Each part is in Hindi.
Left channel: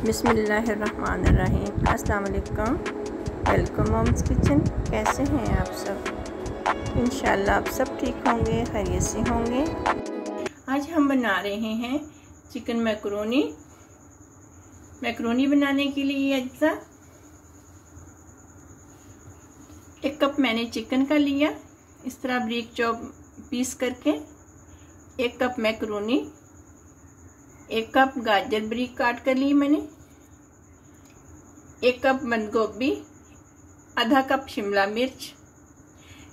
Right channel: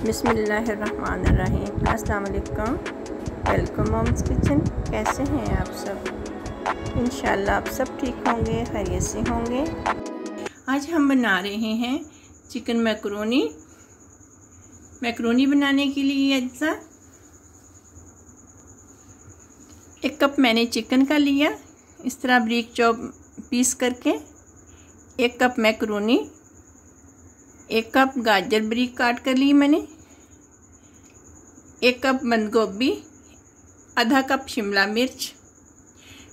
बिस्मिल्लाहिर्रहमानिर्रहीम। अस्सलाम वालेकुम। Welcome mom's kitchen. कैसे हैं आप सब? इंशाल्लाह आप सब ठीक होंगे, खैरियत से होंगे। आज हम बना रहे हैं चिकन मैकरोनी। मैकरोनी बनाने के लिए अज्जा 1 कप मैंने चिकन का लिया, इस तरह ब्रीक चॉप पीस करके। 1 कप मैकरोनी, 1 कप गाजर ब्रीक काट कर ली मैंने, 1 कप बंद गोभी, आधा कप शिमला मिर्च,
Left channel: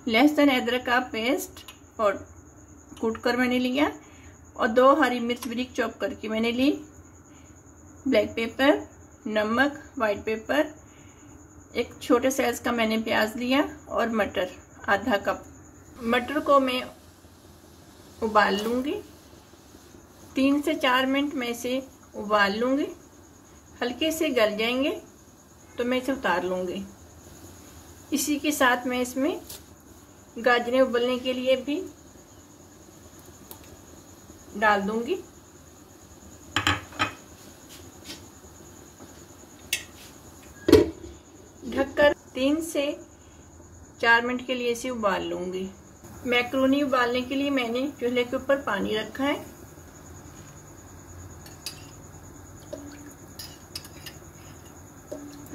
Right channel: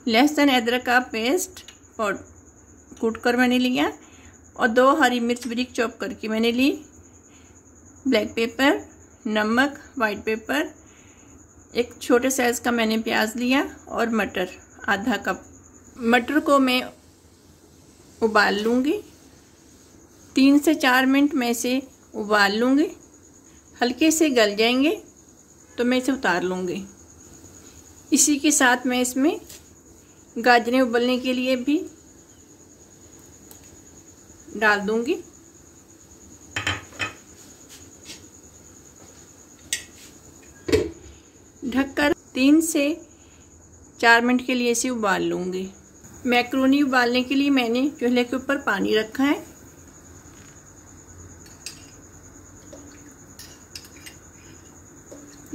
लहसुन अदरक का पेस्ट और कूट कर मैंने लिया, और 2 हरी मिर्च ब्रीक चॉप करके मैंने ली, ब्लैक पेपर, नमक, वाइट पेपर, 1 छोटे साइज का मैंने प्याज लिया, और मटर आधा कप। मटर को मैं उबाल लूँगी, 3 से 4 मिनट में इसे उबाल लूँगी। हल्के से गल जाएंगे तो मैं इसे उतार लूँगी। इसी के साथ मैं इसमें गाजरें उबलने के लिए भी डाल दूँगी। ढककर 3 से 4 मिनट के लिए इसे उबाल लूँगी। मैक्रोनी उबालने के लिए मैंने चूल्हे के ऊपर पानी रखा है।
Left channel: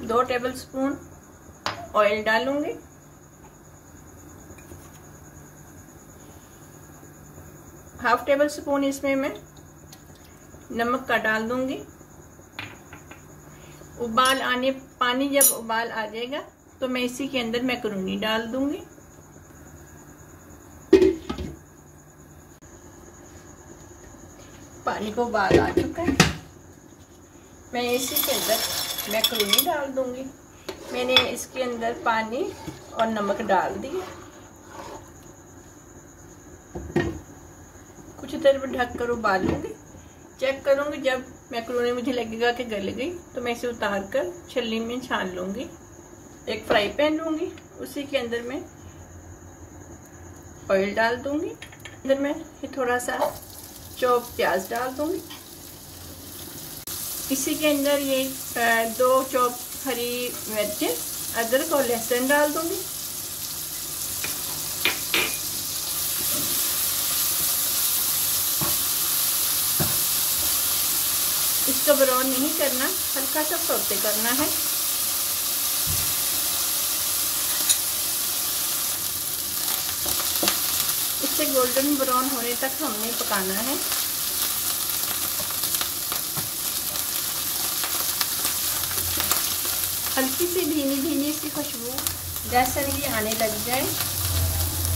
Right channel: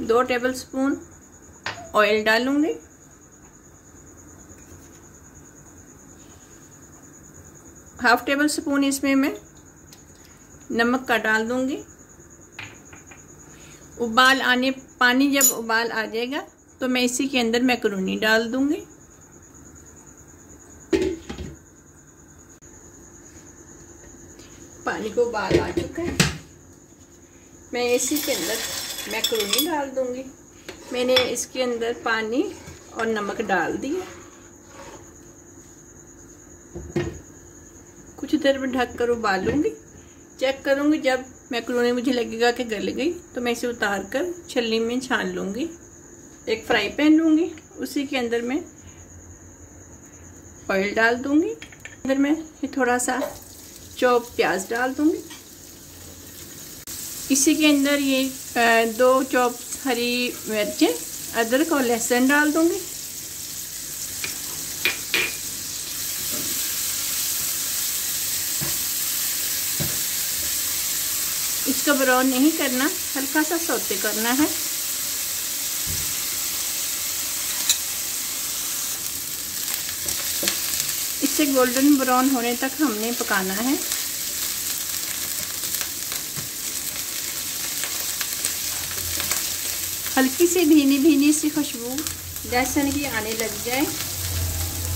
दो टेबलस्पून ऑयल डालूंगी, हाफ टेबल स्पून इसमें मैं नमक का डाल दूंगी। पानी जब उबाल आ जाएगा तो मैं इसी के अंदर मैक्रोनी डाल दूंगी। पानी को उबाल आ चुका है, मैं इसी के अंदर मैक्रोनी डाल दूंगी। मैंने इसके अंदर पानी और नमक डाल दिया। कुछ देर में ढक कर उबालूंगी। चेक करूंगी, जब मैक्रोनी मुझे लगेगा कि गल गई तो मैं इसे उतार कर छलनी में छान लूंगी। एक फ्राई पैन लूंगी, उसी के अंदर मैं ऑयल डाल दूंगी। अंदर में थोड़ा सा चॉप प्याज डाल दूंगी। इसी के अंदर ये 2 चॉप हरी मिर्चें, अदरक और लहसुन डाल दूंगी। इसको ब्राउन नहीं करना, हल्का सा सौते करना है। इसे गोल्डन ब्राउन होने तक हमने पकाना है। हल्की सी भीनी सी खुशबू लहसुन की आने लग जाए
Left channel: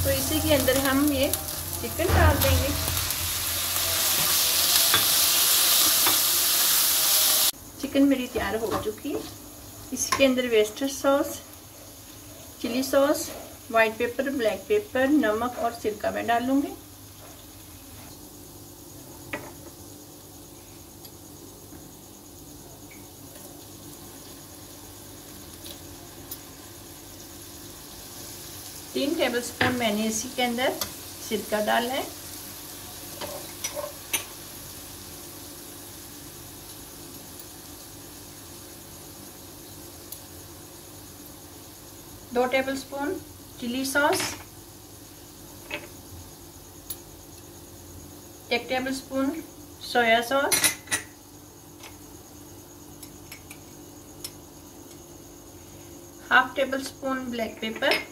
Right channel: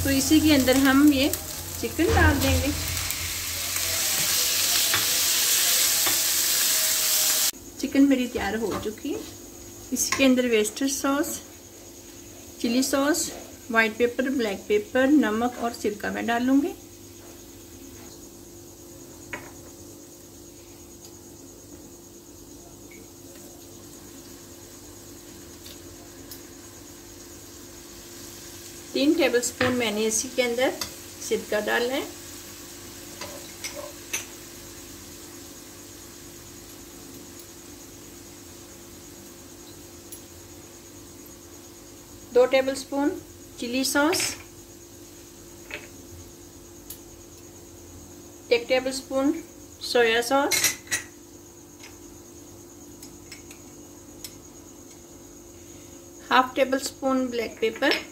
तो इसी के अंदर हम ये चिकन डाल देंगे। चिकन मेरी तैयार हो चुकी है। इसके अंदर Worcester sauce, chilli sauce, white pepper, black pepper, नमक और सिरका मैं डालूंगी। तीन टेबलस्पून मैंने इसी के अंदर सिरका डालना है। दो tablespoon chilli sauce, 1 tablespoon soya sauce, half tablespoon black pepper,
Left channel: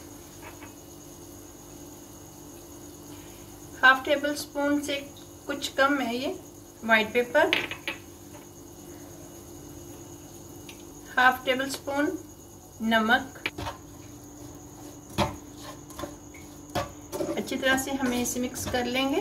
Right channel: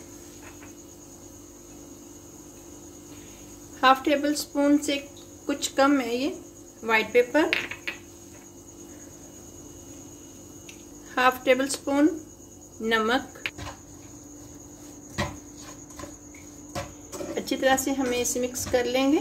half tablespoon से कुछ कम है ये white pepper, half tablespoon नमक। अच्छी तरह से हमें इसे मिक्स कर लेंगे।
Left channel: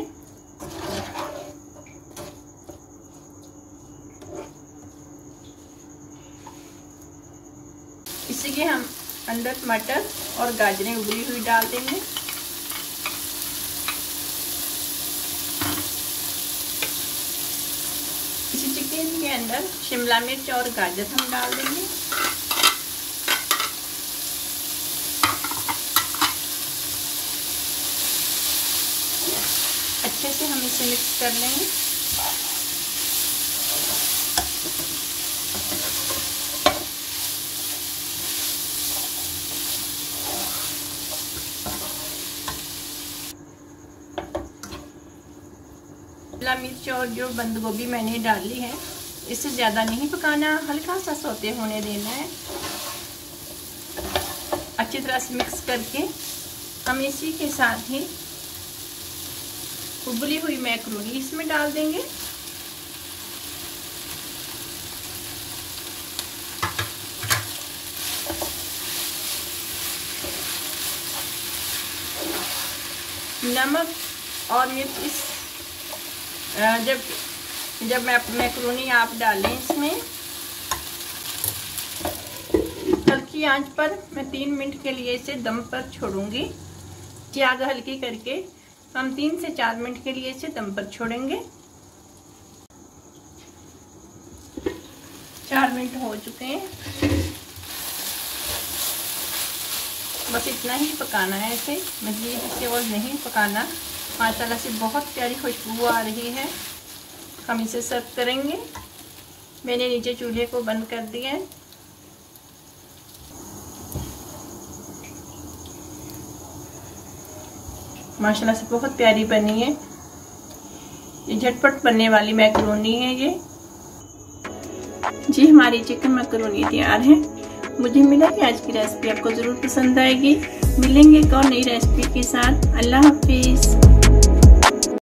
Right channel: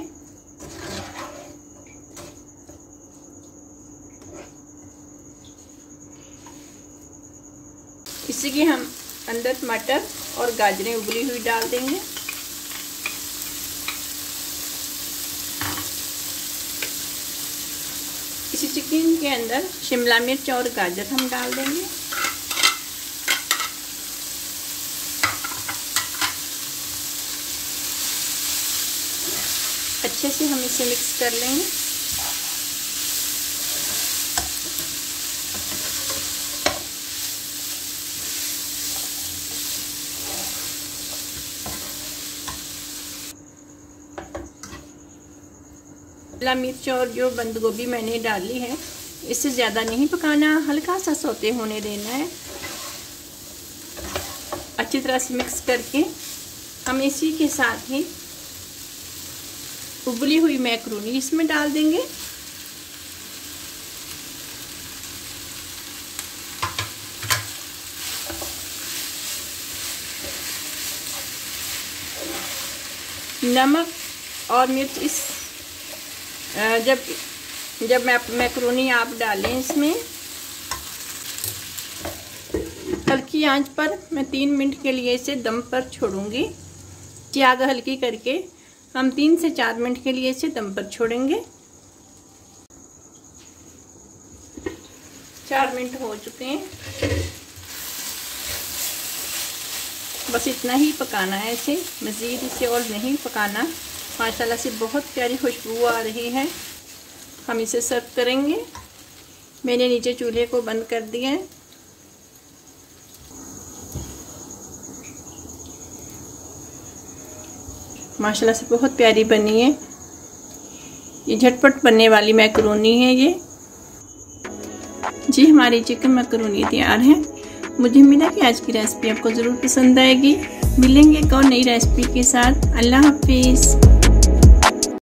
इसी के हम अंदर मटर और गाजरें उबली हुई डाल देंगे। इसी चिकन के अंदर शिमला मिर्च और गाजर हम डाल देंगे। अच्छे से हम इसे मिक्स कर लेंगे। शिमला मिर्च और जो बंद गोभी मैंने डाली है इससे ज़्यादा नहीं पकाना, हल्का सा सौते होने देना है। अच्छी तरह से मिक्स करके हम इसी के साथ ही उबली हुई मैक्रोनी इसमें डाल देंगे। नमक और मिर्च इस जब मैक्रोनी आप डालें इसमें हल्की आंच पर मैं 3 मिनट के लिए इसे दम पर छोड़ूंगी। आग हल्की करके हम 3 से 4 मिनट के लिए इसे दम पर छोड़ेंगे। 4 मिनट हो चुके हैं, बस इतना ही पकाना है इसे, मज़ीद इसे और नहीं पकाना। माशाल्लाह से बहुत प्यारी खुशबू आ रही है। हम इसे सर्व करेंगे। मैंने नीचे चूल्हे को बंद कर दिया है। माशाल्लाह से बहुत प्यारी बनी है। ये झटपट बनने वाली मैक्रोनी है ये। जी हमारी चिकन मैक्रोनी तैयार है। मुझे उम्मीद है कि आज की रेसिपी आपको ज़रूर पसंद आएगी। मिलेंगे एक और नई रेसिपी के साथ। अल्लाह हाफिज़।